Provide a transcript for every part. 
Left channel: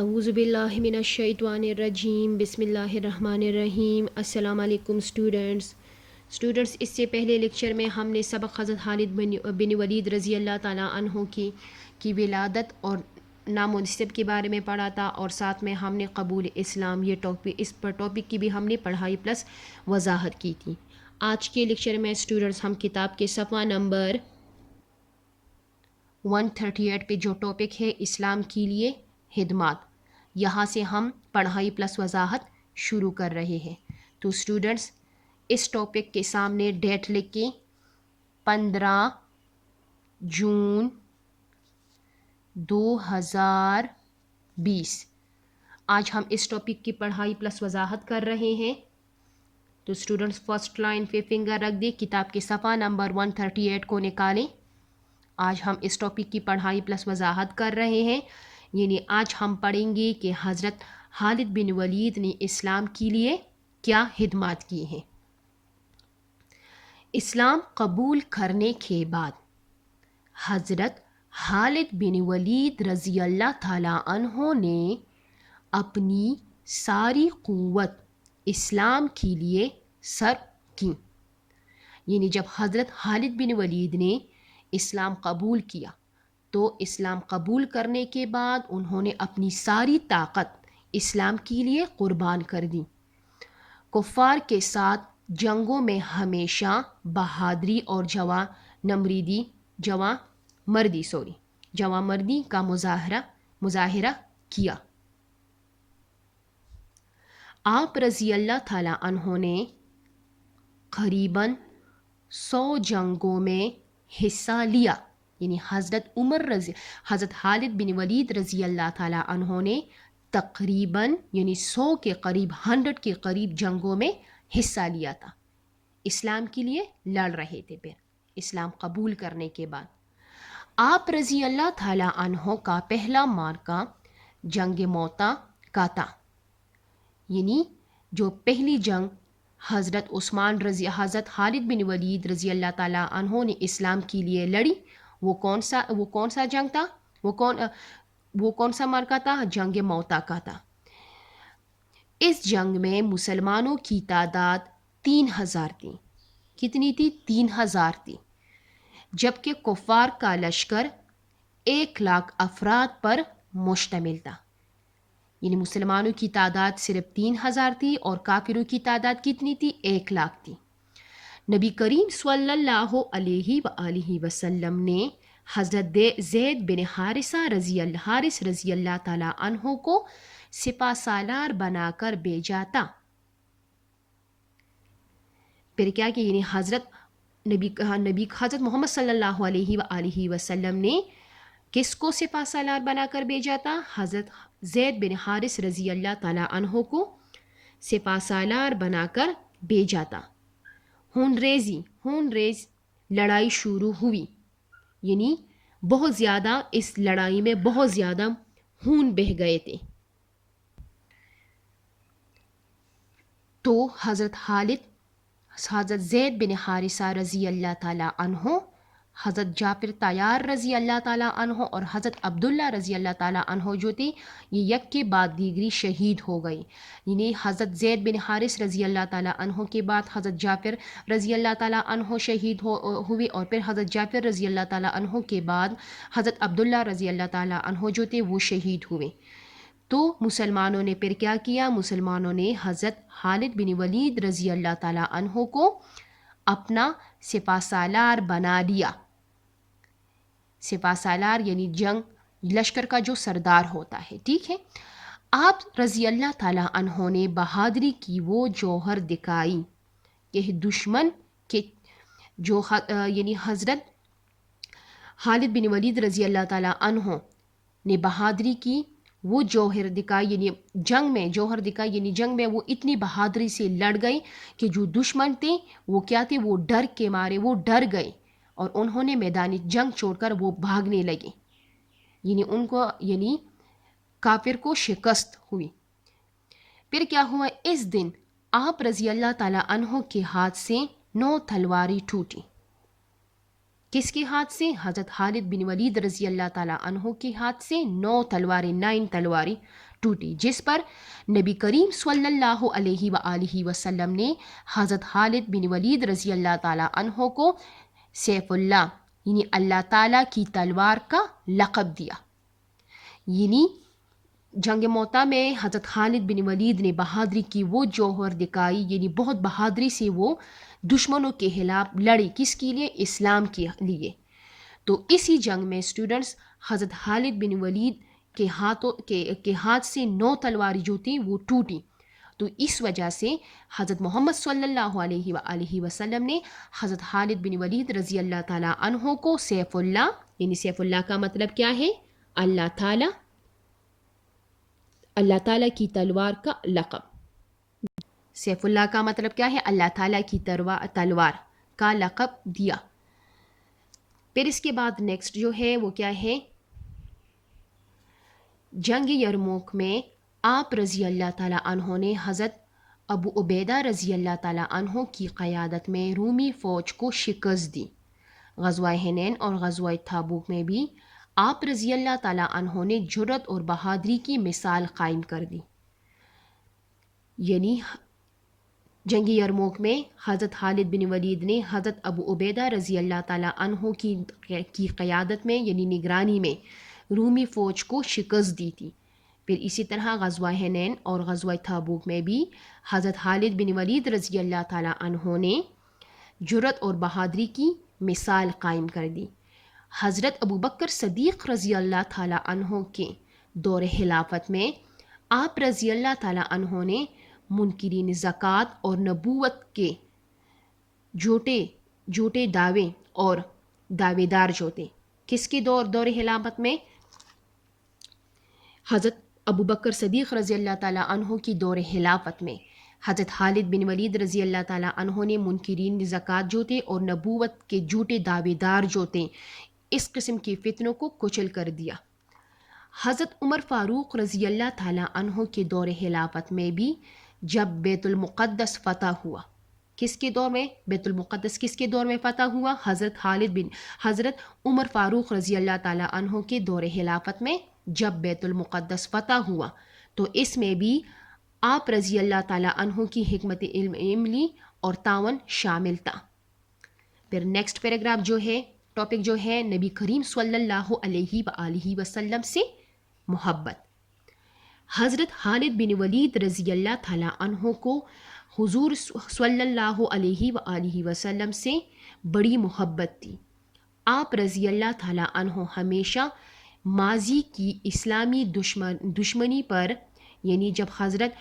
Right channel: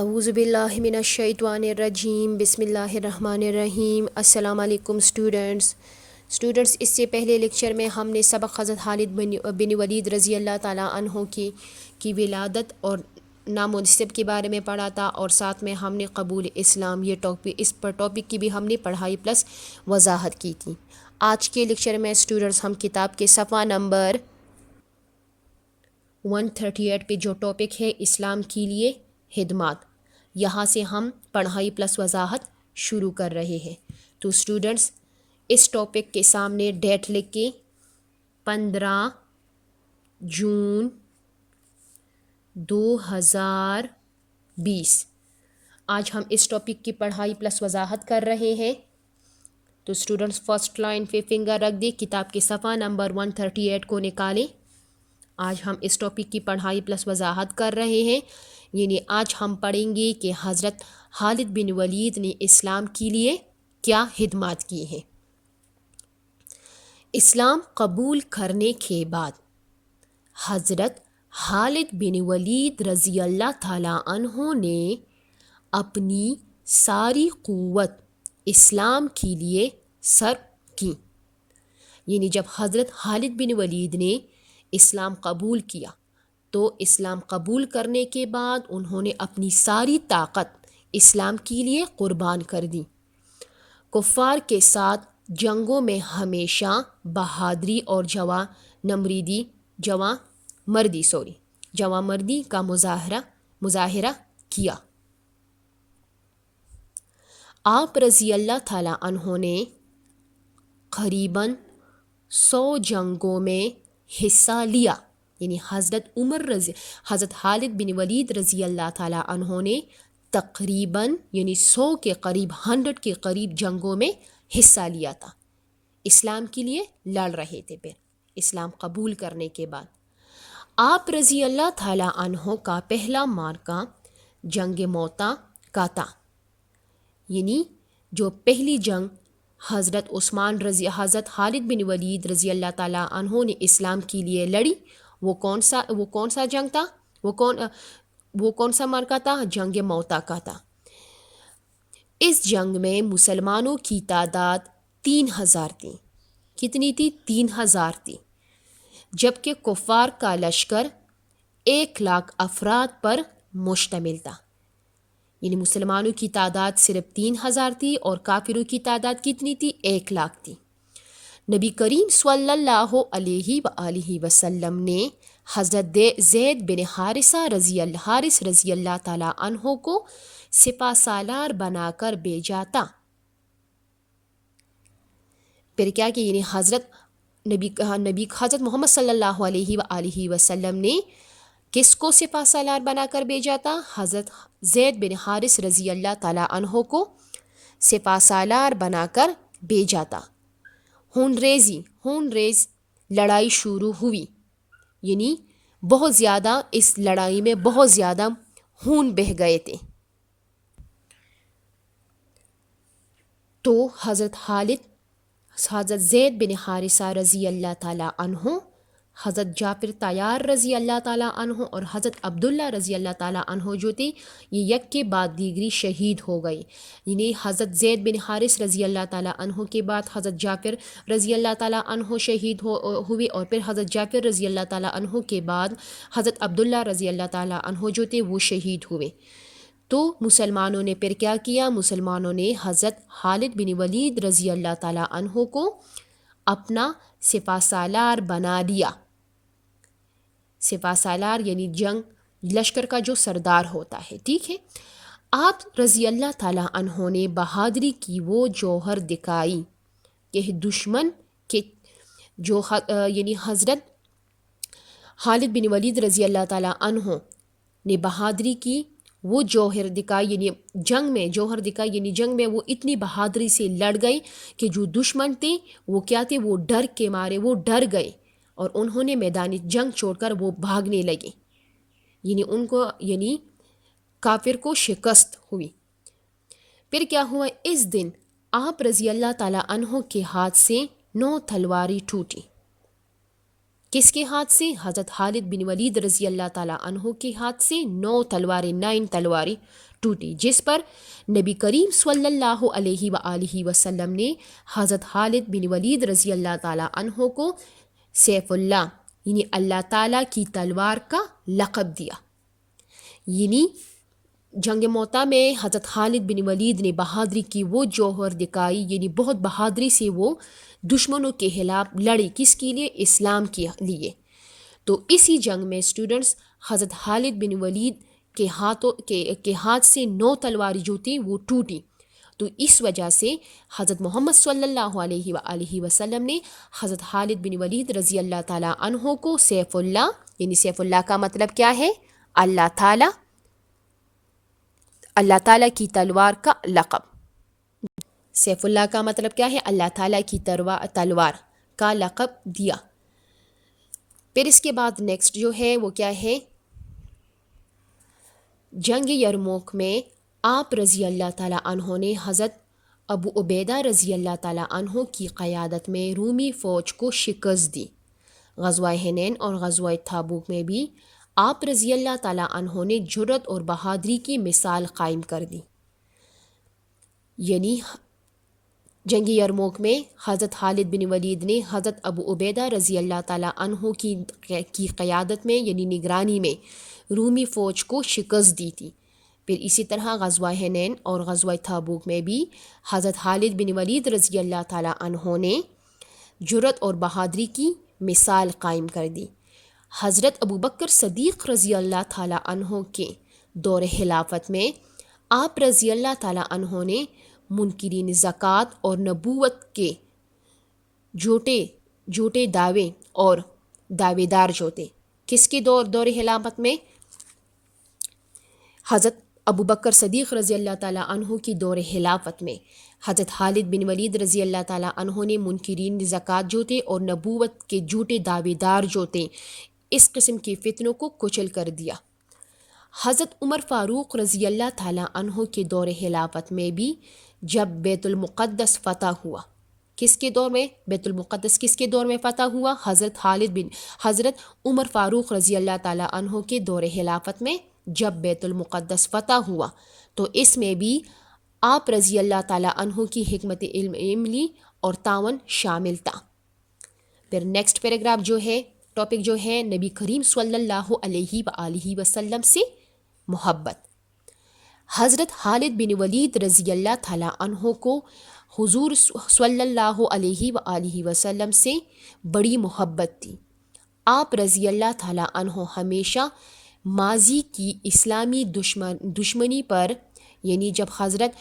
اعوذ باللہ من الشیطان الرجیم بسم اللہ الرحمن الرحیم۔ السلام علیکم اسٹوڈنٹس اس سے پہلے لیکچر میں ہم نے سبق حضرت خالد بن ولید رضی اللہ تعالیٰ عنہ کی ولادت اور نام و نسب کے بارے میں پڑھا تھا، اور ساتھ میں ہم نے قبول اسلام یہ ٹاپک کی بھی ہم نے پڑھائی پلس وضاحت کی تھی۔ آج کے لیکچر میں اسٹوڈنٹس ہم کتاب کے صفحہ نمبر 138 پہ جو ٹاپک ہے اسلام کے لیے خدمات، یہاں سے ہم پڑھائی پلس وضاحت شروع کر رہے ہیں۔ تو اسٹوڈنٹس اس ٹاپک کے سامنے ڈیٹ لکھ کے 15 جون 2020 آج ہم اس ٹاپک کی پڑھائی پلس وضاحت کر رہے ہیں۔ تو اسٹوڈنٹس فرسٹ لائن پہ فنگر رکھ دیں، کتاب کے صفحہ نمبر 138 کو نکالیں۔ آج ہم اس ٹاپک کی پڑھائی پلس وضاحت کر رہے ہیں، یعنی آج ہم پڑھیں گے کہ حضرت خالد بن ولید نے اسلام کے لیے کیا خدمات کی ہیں۔ اسلام قبول کرنے کے بعد حضرت خالد بن ولید رضی اللہ تعالیٰ عنہ نے اپنی ساری قوت اسلام کے لیے صرف کی، یعنی جب حضرت خالد بن ولید نے اسلام قبول کیا تو اسلام قبول کرنے کے بعد انہوں نے اپنی ساری طاقت اسلام کے لیے قربان کر دی۔ کفار کے ساتھ جنگوں میں ہمیشہ بہادری اور جواں مردی کا مظاہرہ کیا۔ آپ رضی اللہ تعالیٰ عنہ نے قریباً 100 جنگوں میں حصہ لیا، یعنی حضرت خالد بن ولید رضی اللہ تعالیٰ عنہ نے تقریباً یعنی 100 کے قریب 100 کے قریب جنگوں میں حصہ لیا تھا، اسلام کے لیے لڑ رہے تھے۔ پھر اسلام قبول کرنے کے بعد آپ رضی اللہ تعالیٰ عنہ کا پہلا معرکہ جنگ موتا کا تھا، یعنی جو پہلی جنگ حضرت خالد بن ولید رضی اللہ تعالیٰ عنہ نے اسلام کے لیے لڑی، وہ کون سا جنگ تھا؟ وہ کون سا معرکہ تھا؟ جنگ موتا کا تھا۔ اس جنگ میں مسلمانوں کی تعداد 3000 تھی۔ کتنی تھی؟ 3000 تھی، جبکہ کفار کا لشکر 1,00,000 افراد پر مشتمل تھا، یعنی مسلمانوں کی تعداد صرف 3000 تھی اور کافروں کی تعداد کتنی تھی؟ 1,00,000 تھی۔ نبی کریم صلی اللہ علیہ وآلہ وسلم نے حضرت زید بن حارثہ رضی اللہ تعالیٰ عنہ کو سپہ سالار بنا کر بھیجا تھا۔ پھر کیا کہ یعنی حضرت محمد صلی اللہ علیہ وآلہ وسلم نے کس کو سپہ سالار بنا کر بھیجا تھا؟ حضرت زید بن حارث رضی اللہ تعالیٰ عنہ کو سپہ سالار بنا کر بھیجا تھا۔ خون ریز لڑائی شروع ہوئی، یعنی بہت زیادہ اس لڑائی میں بہت زیادہ خون بہہ گئے تھے۔ تو حضرت زید بن حارثہ رضی اللہ تعالیٰ عنہ، حضرت جعفر طیار رضی اللہ تعالیٰ عنہ اور حضرت عبداللہ رضی اللہ تعالیٰ عنہ جو تھی، یہ یک کے بعد دیگری شہید ہو گئی، یعنی حضرت زید بن حارث رضی اللہ تعالیٰ عنہ کے بعد حضرت جعفر رضی اللہ تعالیٰ عنہ شہید ہوئے، اور پھر حضرت جعفر رضی اللہ تعالیٰ عنہ کے بعد حضرت عبداللہ رضی اللہ تعالیٰ عنہ جو تھے وہ شہید ہوئے۔ تو مسلمانوں نے پھر کیا کیا؟ مسلمانوں نے حضرت خالد بن ولید رضی اللہ تعالیٰ عنہ کو اپنا سپہ سالار بنا لیا۔ سپہ سالار یعنی لشکر کا جو سردار ہوتا ہے، ٹھیک ہے۔ آپ رضی اللہ تعالیٰ عنہ نے بہادری کی وہ جوہر دکھائی کہ دشمن کے یعنی حضرت خالد بن ولید رضی اللہ تعالیٰ عنہ نے بہادری کی وہ جوہر دکھائی، یعنی جنگ میں وہ اتنی بہادری سے لڑ گئے کہ جو دشمن تھے وہ کیا تھے؟ وہ ڈر کے مارے وہ ڈر گئے اور انہوں نے میدان جنگ چھوڑ کر وہ بھاگنے لگے، یعنی کافر کو شکست ہوئی۔ پھر کیا ہوا؟ اس دن آپ رضی اللہ تعالیٰ عنہ کے ہاتھ سے 9 تلواریں ٹوٹی۔ کس کے ہاتھ سے؟ حضرت خالد بن ولید رضی اللہ تعالیٰ عنہ کے ہاتھ سے 9 تلواریں ٹوٹی، جس پر نبی کریم صلی اللہ علیہ وآلہ وسلم نے حضرت خالد بن ولید رضی اللہ تعالیٰ عنہ کو سیف اللہ یعنی اللہ تعالیٰ کی تلوار کا لقب دیا۔ یعنی جنگ موتا میں حضرت خالد بن ولید نے بہادری کی وہ جوہر دکھائی، یعنی بہت بہادری سے وہ دشمنوں کے خلاف لڑے، کس کے لیے؟ اسلام کے لیے۔ تو اسی جنگ میں اسٹوڈنٹس حضرت خالد بن ولید کے ہاتھ سے 9 تلواری جو تھی وہ ٹوٹی۔ تو اس وجہ سے حضرت محمد صلی اللہ علیہ وآلہ وسلم نے حضرت خالد بن ولید رضی اللہ تعالیٰ عنہ کو سیف اللہ، یعنی سیف اللہ کا مطلب کیا ہے؟ اللہ تعالیٰ کی تلوار کا لقب۔ سیف اللہ کا مطلب کیا ہے؟ اللہ تعالیٰ کی تلوار کا لقب دیا۔ پھر اس کے بعد نیکسٹ جو ہے وہ کیا ہے؟ جنگ یرموک میں آپ رضی اللہ تعالیٰ عنہ نے حضرت ابو عبیدہ رضی اللہ تعالیٰ عنہ کی قیادت میں رومی فوج کو شکست دی۔ غزوہ حنین اور غزوہ تبوک میں بھی آپ رضی اللہ تعالیٰ عنہ نے جرأت اور بہادری کی مثال قائم کر دی۔ یعنی جنگ یرموک میں حضرت خالد بن ولید نے حضرت ابو عبیدہ رضی اللہ تعالیٰ عنہ کی قیادت میں یعنی نگرانی میں رومی فوج کو شکست دی تھی۔ پھر اسی طرح غزوہ حنین اور غزوہ تبوک میں بھی حضرت خالد بن ولید رضی اللہ تعالیٰ عنہ نے جرأت اور بہادری کی مثال قائم کر دی۔ حضرت ابو بکر صدیق رضی اللہ تعالیٰ عنہ کے دور خلافت میں آپ رضی اللہ تعالیٰ عنہ نے منکرین زکوٰۃ اور نبوت کے جھوٹے دعوے اور دعوے دار جو تھے، کس کے دور خلافت میں؟ حضرت ابو بکر صدیق رضی اللہ تعالیٰ عنہ کی دور خلافت میں حضرت خالد بن ولید رضی اللہ تعالیٰ عنہ نے منکرین زکوٰۃ جو تھے اور نبوت کے جھوٹے دعوے دار جو تھے اس قسم کی فتنوں کو کچل کر دیا۔ حضرت عمر فاروق رضی اللہ تعالیٰ عنہ کے دور خلافت میں بھی جب بیت المقدس فتح ہوا، کس کے دور میں؟ بیت المقدس کس کے دور میں فتح ہوا؟ حضرت عمر فاروق رضی اللہ تعالیٰ عنہ کے دور خلافت میں جب بیت المقدس فتح ہوا تو اس میں بھی آپ رضی اللہ تعالیٰ عنہ کی حکمت عملی اور تعاون شامل تھا۔ پھر نیکسٹ پیراگراف جو ہے، ٹاپک جو ہے نبی کریم صلی اللہ علیہ وآلہ وسلم سے محبت۔ حضرت خالد بن ولید رضی اللہ تعالیٰ عنہ کو حضور صلی اللہ علیہ وآلہ وسلم سے بڑی محبت تھی۔ آپ رضی اللہ تعالیٰ عنہ ہمیشہ ماضی کی اسلامی دشمنی پر، یعنی جب حضرت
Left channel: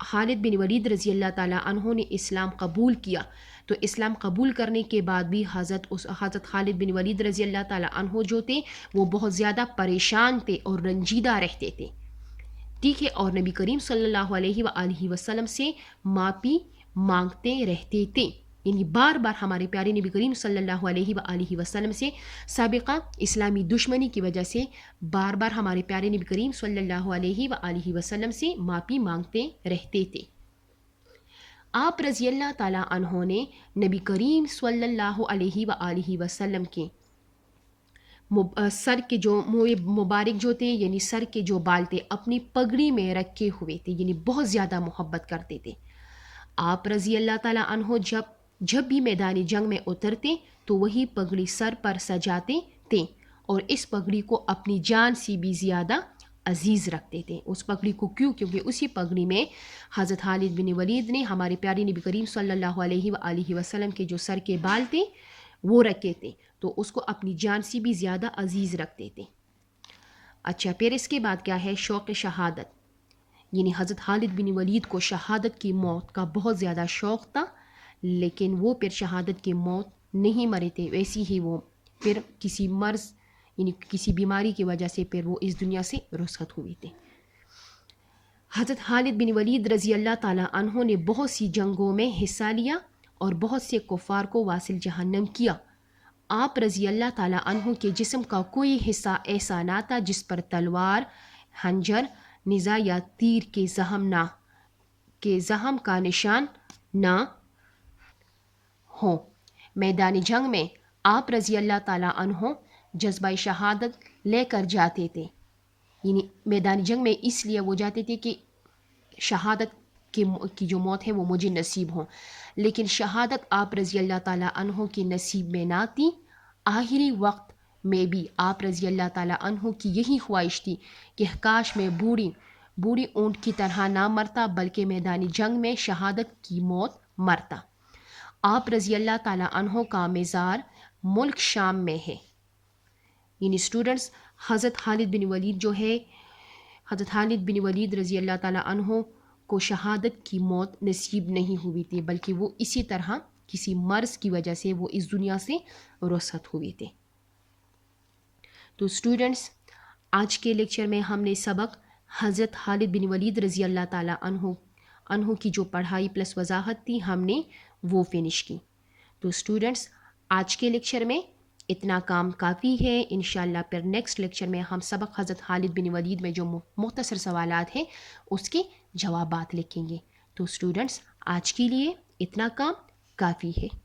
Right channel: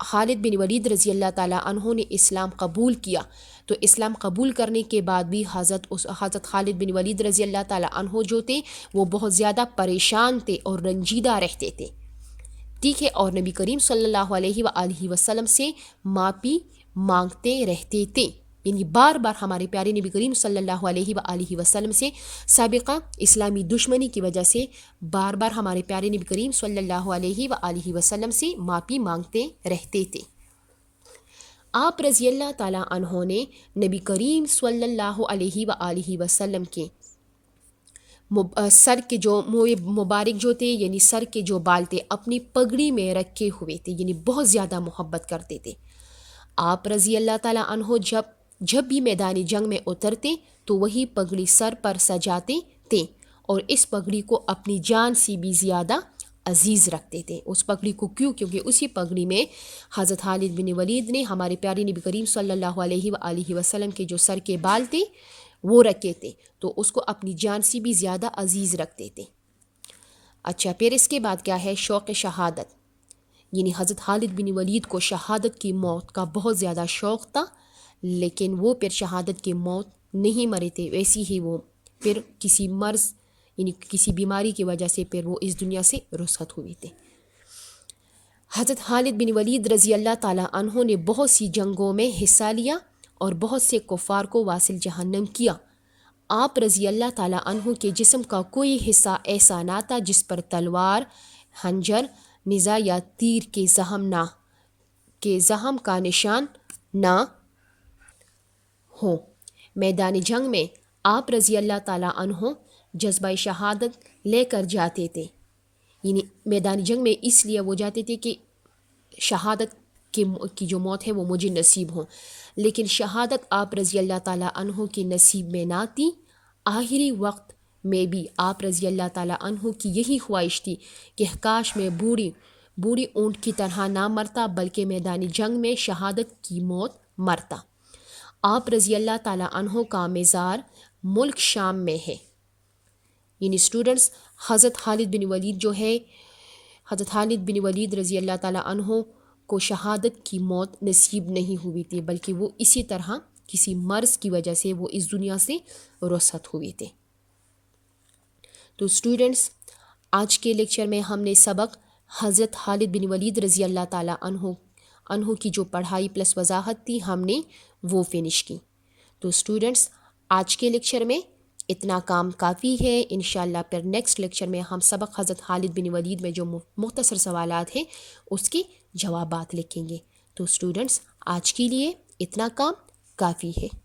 خالد بن ولید رضی اللہ تعالیٰ عنہ نے اسلام قبول کیا تو اسلام قبول کرنے کے بعد بھی حضرت خالد بن ولید رضی اللہ تعالیٰ عنہ جو تھے وہ بہت زیادہ پریشان تھے اور رنجیدہ رہتے تھے، ٹھیک ہے، اور نبی کریم صلی اللہ علیہ وآلہ وسلم سے معافی مانگتے رہتے تھے۔ یعنی بار بار ہمارے پیارے نبی کریم صلی اللہ علیہ وآلہ وسلم سے سابقہ اسلامی دشمنی کی وجہ سے بار بار ہمارے پیارے نبی کریم صلی اللہ علیہ وآلہ وسلم سے معافی مانگتے رہتے تھے۔ آپ رضی اللہ تعالیٰ عنہ نے نبی کریم صلی اللہ علیہ وآلہ وسلم کے سر کے جو مبارک جو تھے، یعنی سر کے جو بال تھے اپنی پگڑی میں رکھے ہوئے تھے، یعنی بہت زیادہ محبت کرتے تھے۔ آپ رضی اللہ تعالیٰ عنہ جب بھی میدانی جنگ میں اترتے تو وہی پگڑی سر پر سجاتے تھے اور اس پگڑی کو اپنی جان سے بھی زیادہ عزیز رکھتے تھے۔ اس پگڑی کو کیونکہ اسی پگڑی میں حضرت خالد بن ولید نے ہمارے پیارے نبی کریم صلی اللہ علیہ وآلہ وسلم کے جو سر کے بال تھے وہ رکھے تھے، تو اس کو اپنی جان سے بھی زیادہ عزیز رکھتے تھے۔ اچھا، پھر اس کے بعد کیا ہے؟ شوق شہادت، یعنی حضرت خالد بن ولید کو شہادت کی موت کا بہت زیادہ شوق تھا، لیکن وہ پھر شہادت کی موت نہیں مرے تھے، ویسی ہی وہ پھر کسی مرض یعنی کسی بیماری کی وجہ سے پھر وہ اس دنیا سے رخصت ہوئے تھے۔ حضرت خالد بن ولید رضی اللہ تعالیٰ عنہ نے بہت سی جنگوں میں حصہ لیا اور بہت سے کفار کو واصل جہنم کیا۔ آپ رضی اللہ تعالیٰ عنہ کے جسم کا کوئی حصہ ایسا نہ تھا جس پر تلوار، خنجر، نیزہ یا تیر کے زخم کا نشان نہ ہو۔ میدان جنگ میں آپ رضی اللہ تعالیٰ عنہ جذبہ شہادت لے کر جاتے تھے، یعنی میدان جنگ میں اس لیے وہ جاتے تھے کہ شہادت کی جو موت ہے وہ مجھے نصیب ہوں، لیکن شہادت آپ رضی اللہ تعالیٰ عنہ کی نصیب میں نہ تھی۔ آخری وقت میں بھی آپ رضی اللہ تعالیٰ عنہ کی یہی خواہش تھی کہ کاش میں بوڑھی اونٹ کی طرح نہ مرتا، بلکہ میدان جنگ میں شہادت کی موت مرتا۔ آپ رضی اللہ تعالیٰ عنہ کا مزار ملک شام میں ہے۔ یعنی اسٹوڈنٹس، حضرت خالد بن ولید جو ہے، حضرت خالد بن ولید رضی اللہ تعالیٰ عنہ کو شہادت کی موت نصیب نہیں ہوئی تھی، بلکہ وہ اسی طرح کسی مرض کی وجہ سے وہ اس دنیا سے رخصت ہوئے تھے۔ تو اسٹوڈنٹس، آج کے لیکچر میں ہم نے سبق حضرت خالد بن ولید رضی اللہ تعالیٰ عنہ کی جو پڑھائی پلس وضاحت تھی ہم نے وہ فنش کی۔ تو اسٹوڈنٹس، آج کے لیکچر میں اتنا کام کافی ہے۔ انشاءاللہ پھر نیکسٹ لیکچر میں ہم سبق حضرت خالد بن ولید میں جو مختصر سوالات ہیں اس کے جوابات لکھیں گے۔ تو اسٹوڈنٹس، آج کے لیے اتنا کام کافی ہے۔